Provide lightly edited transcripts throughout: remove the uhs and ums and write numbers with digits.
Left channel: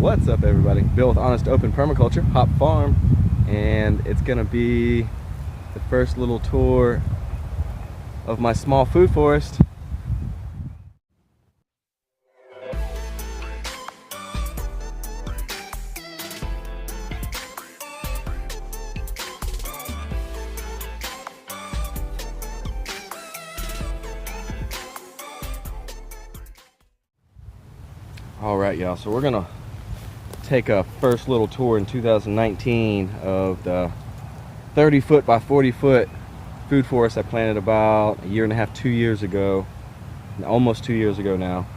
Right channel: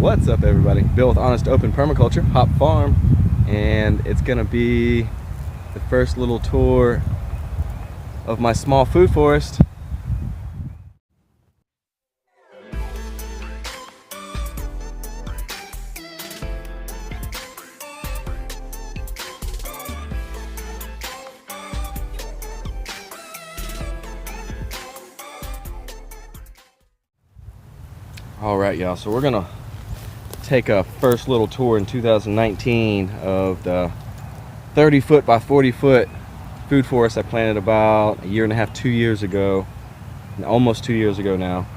What's up, everybody? Bill with Honest Open Permaculture, Hop Farm, and it's gonna be the first little tour of my small food forest. All right, y'all, so we're gonna take a first little tour in 2019 of the 30-foot by 40-foot food forest I planted about a year and a half, 2 years ago, almost 2 years ago now.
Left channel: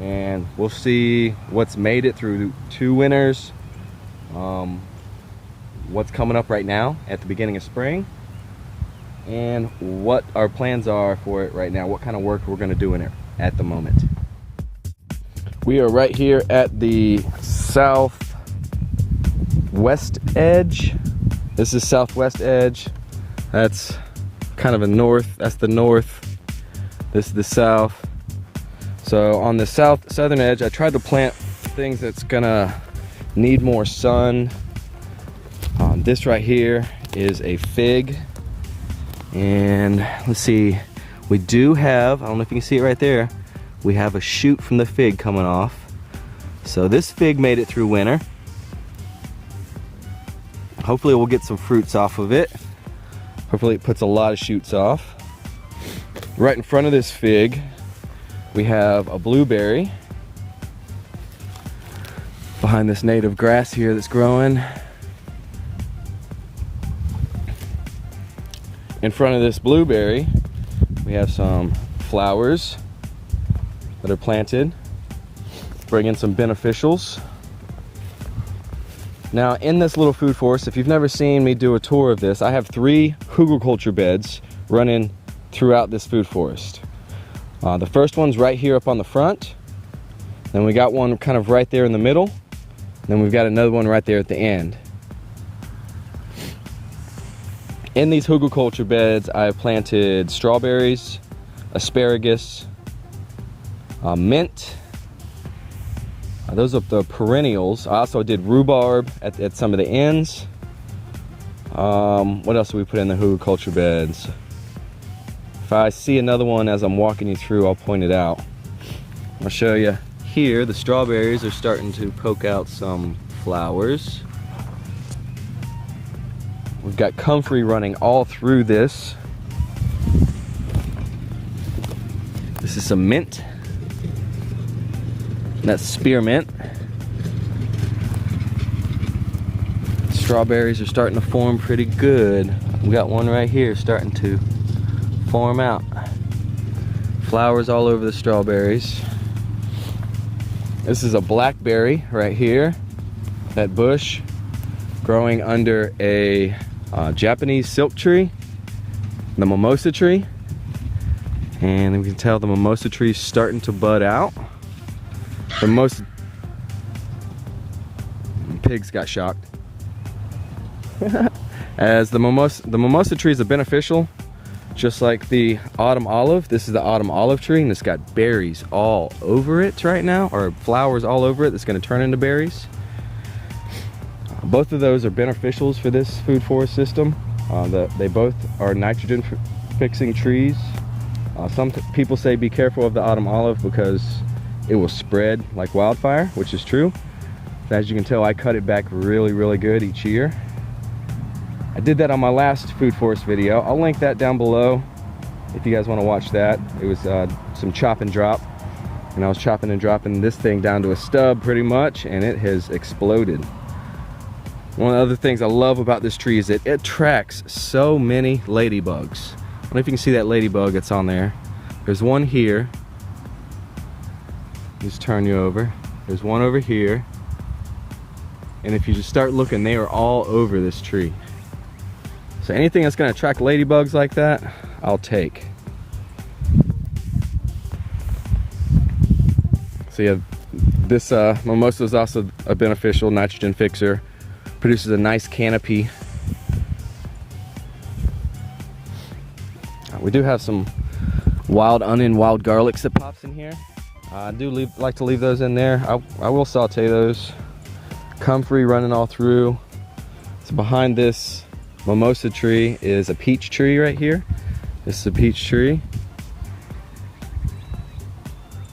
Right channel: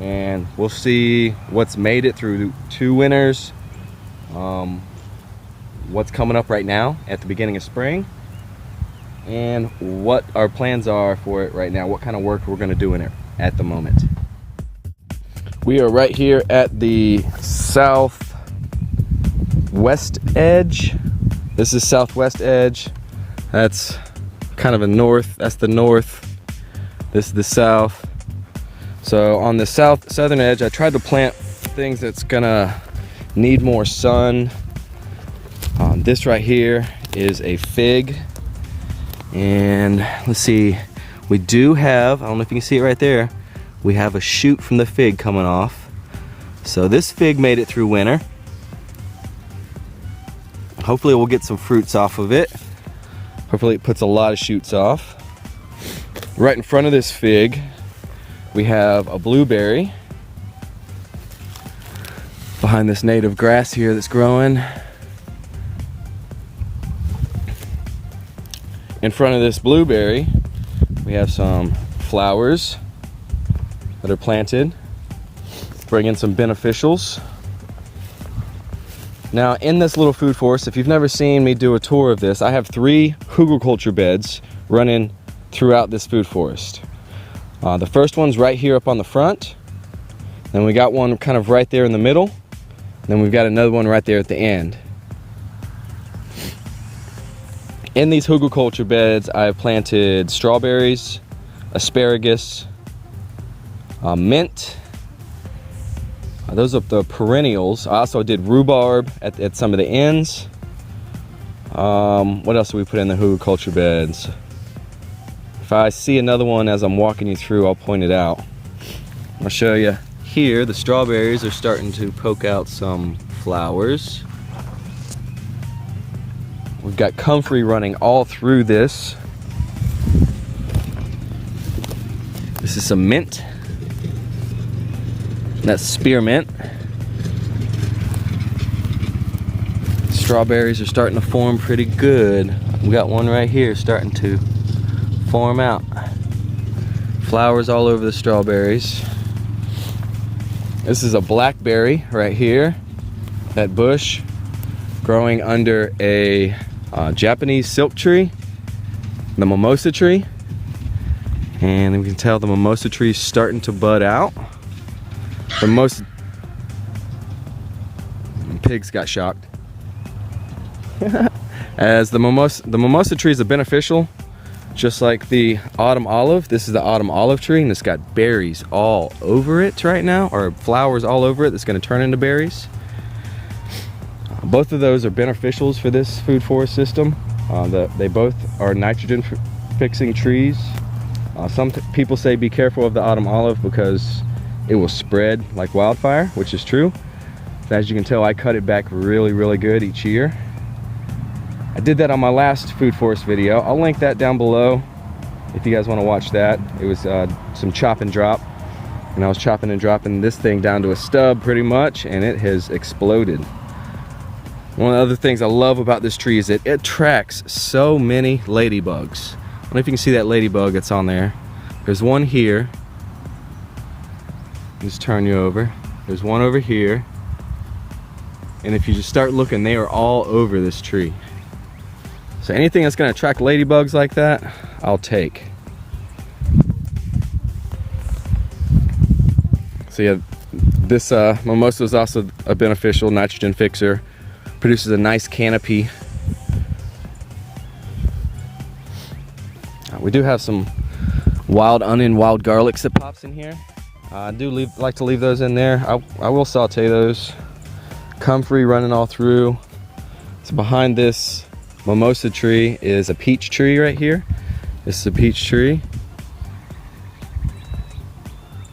And we'll see what's made it through 2 winters, what's coming up right now at the beginning of spring, and what our plans are for it right now, what kind of work we're gonna do in it at the moment. We are right here at the southwest edge. This is southwest edge. That's kind of a north. That's the north. This is the south. So on the southern edge, I tried to plant things that's gonna need more sun. This right here is a fig. And let's see, we do have, I don't know if you can see it right there, we have a shoot from the fig coming off. So this fig made it through winter. Hopefully we'll get some fruits off of it. Hopefully it puts a lot of shoots off. Right in front of this fig, we have a blueberry. Behind this native grass here that's growing. In front of this blueberry, we have some flowers that are planted, bring in some beneficials. Now in this little food forest, if you've never seen me do a tour of this, I have 3 Hoover beds running throughout this food forest. The first one's right here up on the front, then we got one kind of right there in the middle, then we've got another one right there at the end. In these Hoover beds, I have planted strawberries, asparagus, mint. Those are the perennials. I also did rhubarb at some of the ends. What else did we put in the Hoover beds? If I see another one as I'm walking you through, I'll point it out. I'll show you here. The strawberries are starting to poke out some flowers. We've got comfrey running all through this. This is some mint. That's spearmint. Strawberries are starting to form pretty good. We got one right here starting to form out. Flowers all over the strawberries. This is a blackberry right here. That bush growing under a Japanese silk tree, the mimosa tree. And we can tell the mimosa tree is starting to bud out. The pigs got shocked. As the mimosa tree is a beneficial, just like the autumn olive. This is the autumn olive tree, and it's got berries all over it right now, or flowers all over it that's going to turn into berries. Both of those are beneficials for this food forest system. They both are nitrogen fixing trees. Some people say be careful of the autumn olive because it will spread like wildfire, which is true. As you can tell, I cut it back really good each year. I did that on my last food forest video. I'll link that down below if you guys want to watch that. It was some chop and drop, and I was chopping and dropping this thing down to a stub pretty much, and it has exploded. One of the other things I love about this tree is that it attracts so many ladybugs. I don't know if you can see that ladybug that's on there. There's one here. Just turn you over. There's one over here. And if you just start looking, they are all over this tree. So anything that's going to attract ladybugs like that, I'll take. So yeah, this mimosa is also a beneficial nitrogen fixer. Produces a nice canopy. We do have some wild onion, wild garlics that pops in here. I do like to leave those in there. I will saute those. Comfrey running all through. So behind this mimosa tree is a peach tree right here. This is a peach tree.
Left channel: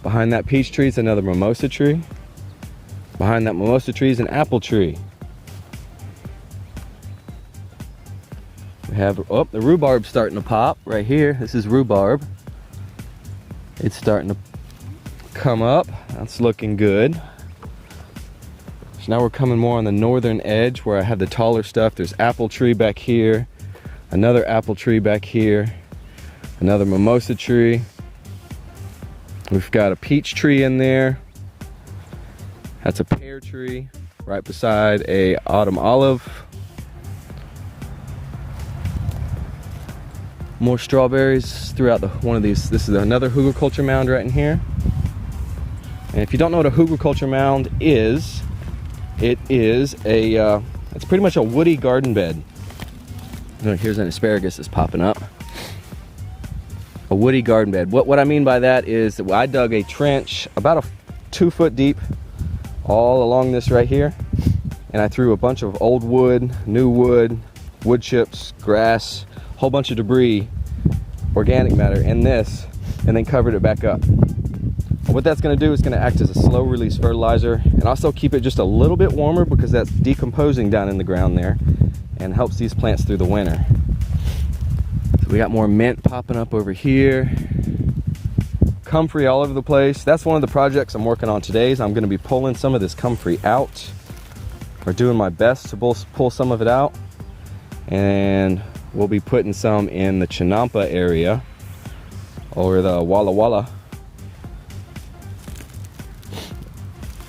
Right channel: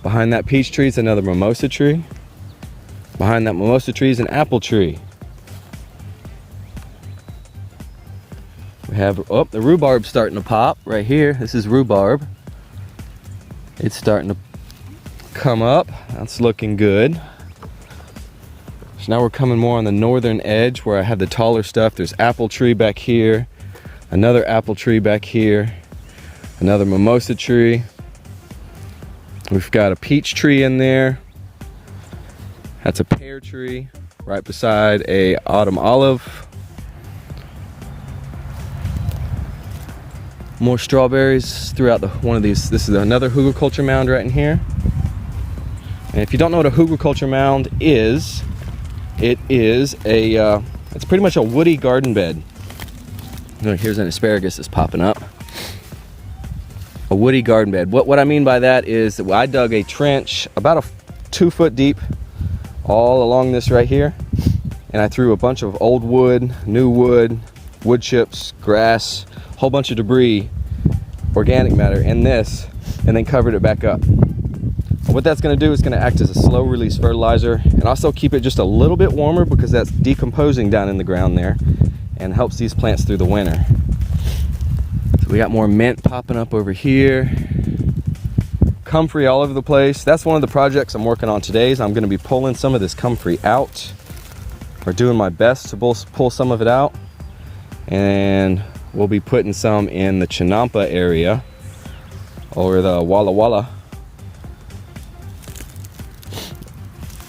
Behind that peach tree is another mimosa tree. Behind that mimosa tree is an apple tree. We have, oh, the rhubarb starting to pop right here. This is rhubarb. It's starting to come up. That's looking good. So now we're coming more on the northern edge where I have the taller stuff. There's apple tree back here, another apple tree back here, another mimosa tree. We've got a peach tree in there. That's a pear tree right beside a autumn olive. More strawberries throughout one of these. This is another Hoover mound right in here. And if you don't know what a Hoover mound is, it's pretty much a woody garden bed. Here's an asparagus that's popping up. A woody garden bed. What I mean by that is that I dug a trench about 2 foot deep all along this right here, and I threw a bunch of old wood, new wood, wood chips, grass, whole bunch of debris, organic matter in this, and then covered it back up. And what that's going to do is going to act as a slow release fertilizer and also keep it just a little bit warmer because that's decomposing down in the ground there and helps these plants through the winter. So we got more mint popping up over here. Comfrey all over the place. That's one of the projects I'm working on today. Is I'm going to be pulling some of this comfrey out, or doing my best to pull some of it out, and we'll be putting some in the Chinampa area or the Walla Walla.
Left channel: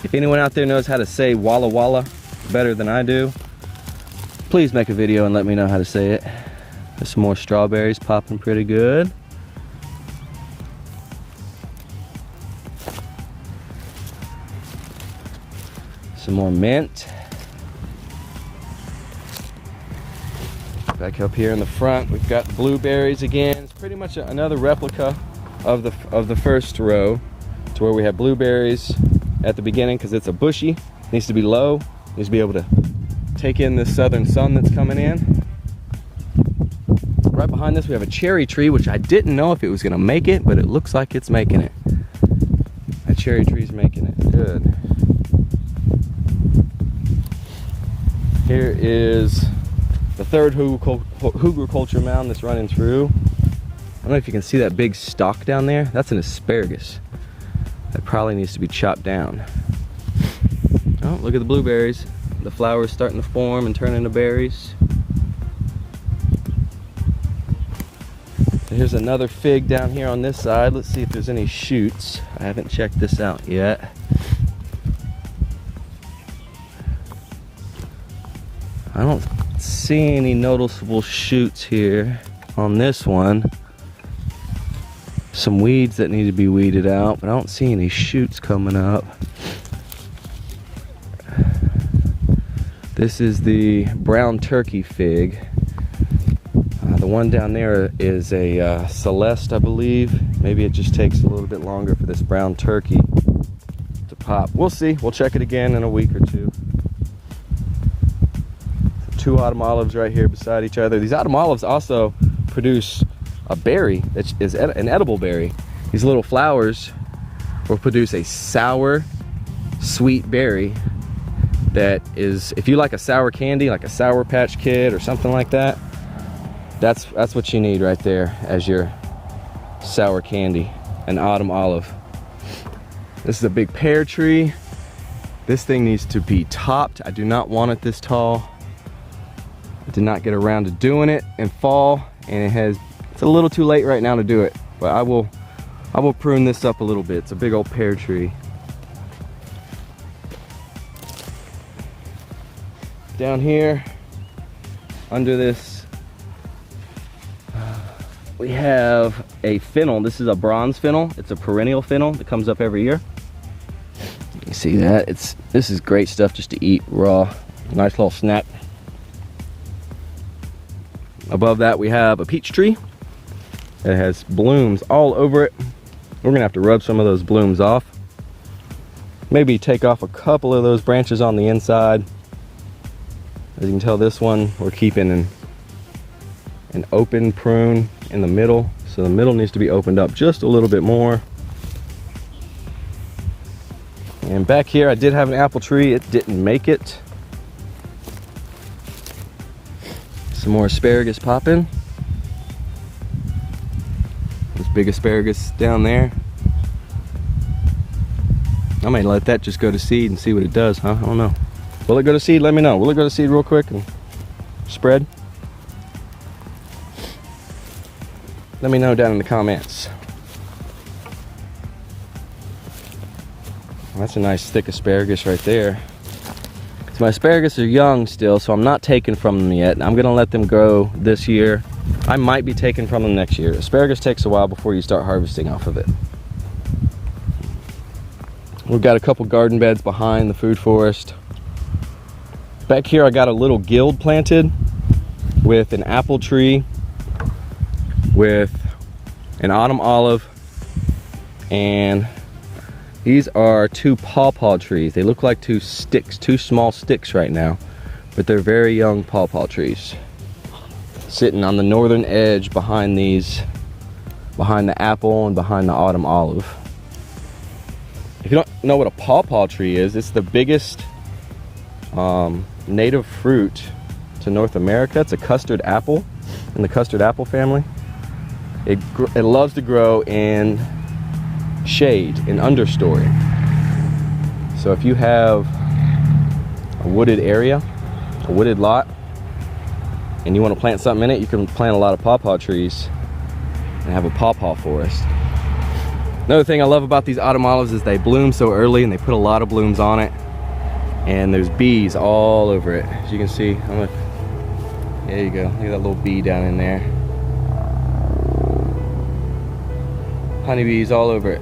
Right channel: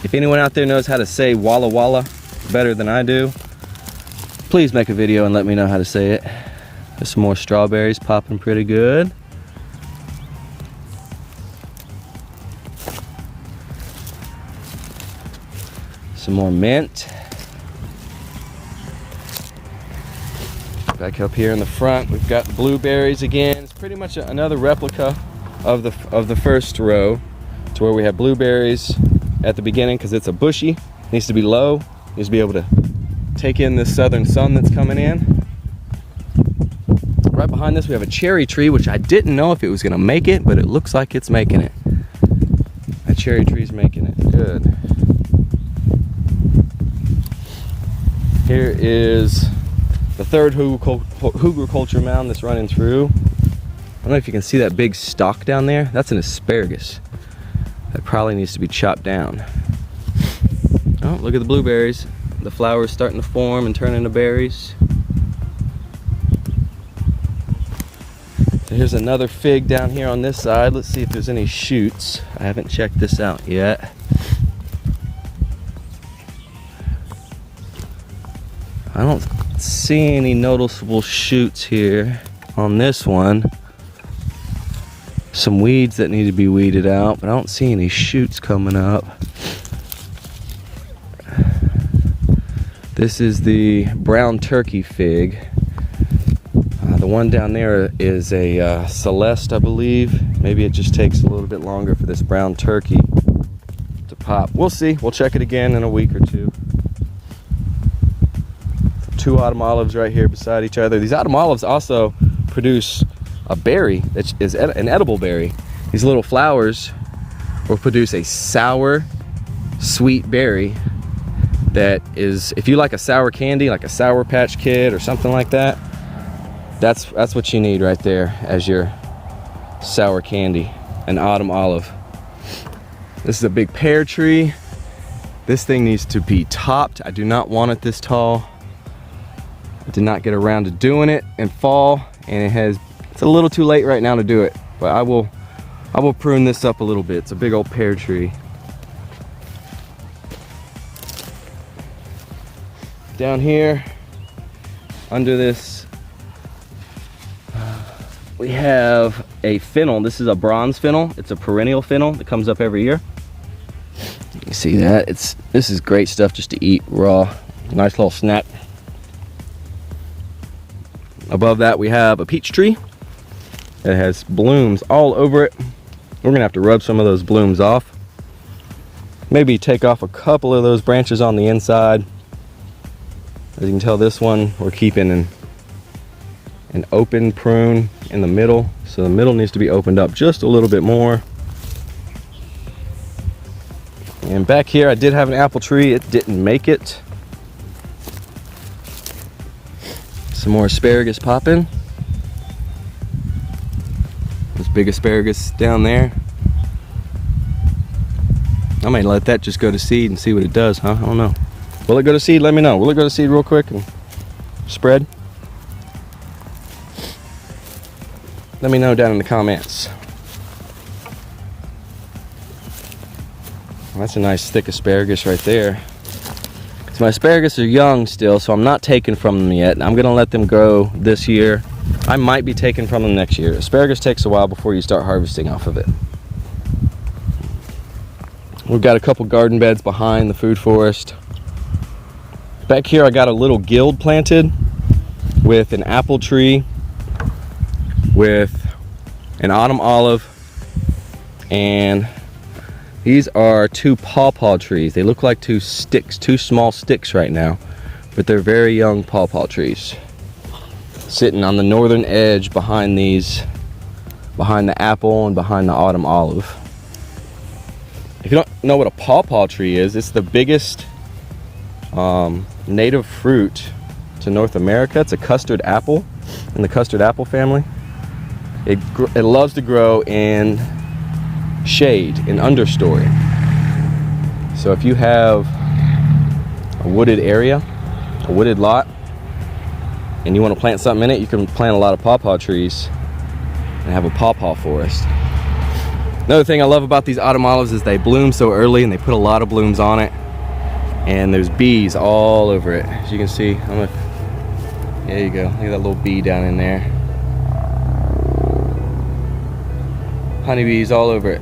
If anyone out there knows how to say Walla Walla better than I do, please make a video and let me know how to say it. There's some more strawberries popping pretty good. Some more mint. Back up here in the front, we've got blueberries again. It's pretty much another replica of the first row, to where we have blueberries at the beginning because it's a bushy. It needs to be low. It needs to be able to take in this southern sun that's coming in. Right behind this we have a cherry tree, which I didn't know if it was going to make it, but it looks like it's making it. That cherry tree's making it. Good. Here is the third Hoover mound that's running through. I don't know if you can see that big stalk down there. That's an asparagus. That probably needs to be chopped down. Oh, look at the blueberries. The flowers starting to form and turn into berries. Here's another fig down here on this side. Let's see if there's any shoots. I haven't checked this out yet. I don't see any noticeable shoots here on this one. Some weeds that need to be weeded out, but I don't see any shoots coming up. This is the brown turkey fig. The one down there is a Celeste, I believe. Maybe it just takes a little bit longer for this brown turkey to pop. We'll see. We'll check it again in a week or two. 2 autumn olives right here beside each other. These autumn olives also produce a berry that is an edible berry. These little flowers will produce a sour, sweet berry that is, if you like a sour candy, like a Sour Patch Kid or something like that, that's what you need right there as your sour candy, an autumn olive. This is a big pear tree. This thing needs to be topped. I do not want it this tall. I did not get around to doing it in fall, and it's a little too late right now to do it, but I will prune this up a little bit. It's a big old pear tree. Down here under this we have a fennel. This is a bronze fennel. It's a perennial fennel that comes up every year. You see that? This is great stuff just to eat raw. Nice little snack. Above that we have a peach tree. It has blooms all over it. We're gonna have to rub some of those blooms off. Maybe take off a couple of those branches on the inside. As you can tell, this one we're keeping an open prune in the middle, so the middle needs to be opened up just a little bit more. And back here I did have an apple tree, it didn't make it. Some more asparagus popping. This big asparagus down there. I might let that just go to seed and see what it does, huh? I don't know. Will it go to seed? Let me know. Will it go to seed real quick and spread? Let me know down in the comments. That's a nice thick asparagus right there. So my asparagus are young still, so I'm not taking from them yet. I'm gonna let them grow this year. I might be taking from them next year. Asparagus takes a while before you start harvesting off of it. We've got a couple garden beds behind the food forest. Back here I got a little guild planted with an apple tree, with an autumn olive, and these are two pawpaw trees. They look like two sticks, two small sticks right now, but they're very young pawpaw trees. Sitting on the northern edge behind these, behind the apple and behind the autumn olive. If you don't know what a pawpaw tree is, it's the biggest native fruit to North America. It's a custard apple in the custard apple family. It loves to grow in shade, in understory. So if you have a wooded area, a wooded lot, and you want to plant something in it, you can plant a lot of pawpaw trees and have a pawpaw forest. Another thing I love about these autumn olives is they bloom so early and they put a lot of blooms on it. And there's bees all over it. As you can see, there you go. Look at that little bee down in there. Honeybees all over it.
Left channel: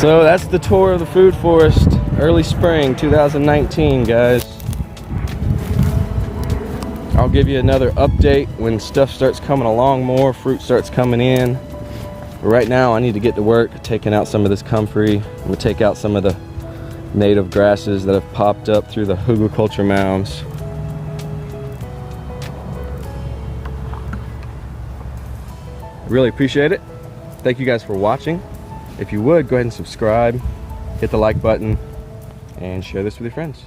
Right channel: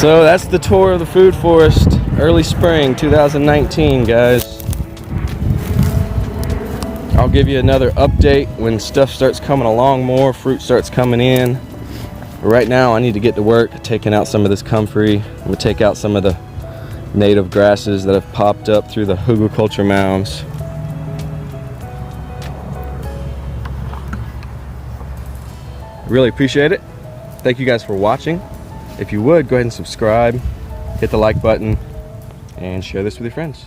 So that's the tour of the food forest, early spring 2019, guys. I'll give you another update when stuff starts coming along more, fruit starts coming in. But right now I need to get to work taking out some of this comfrey. I'm going to take out some of the native grasses that have popped up through the Hoover mounds. Really appreciate it. Thank you guys for watching. If you would, go ahead and subscribe, hit the like button, and share this with your friends.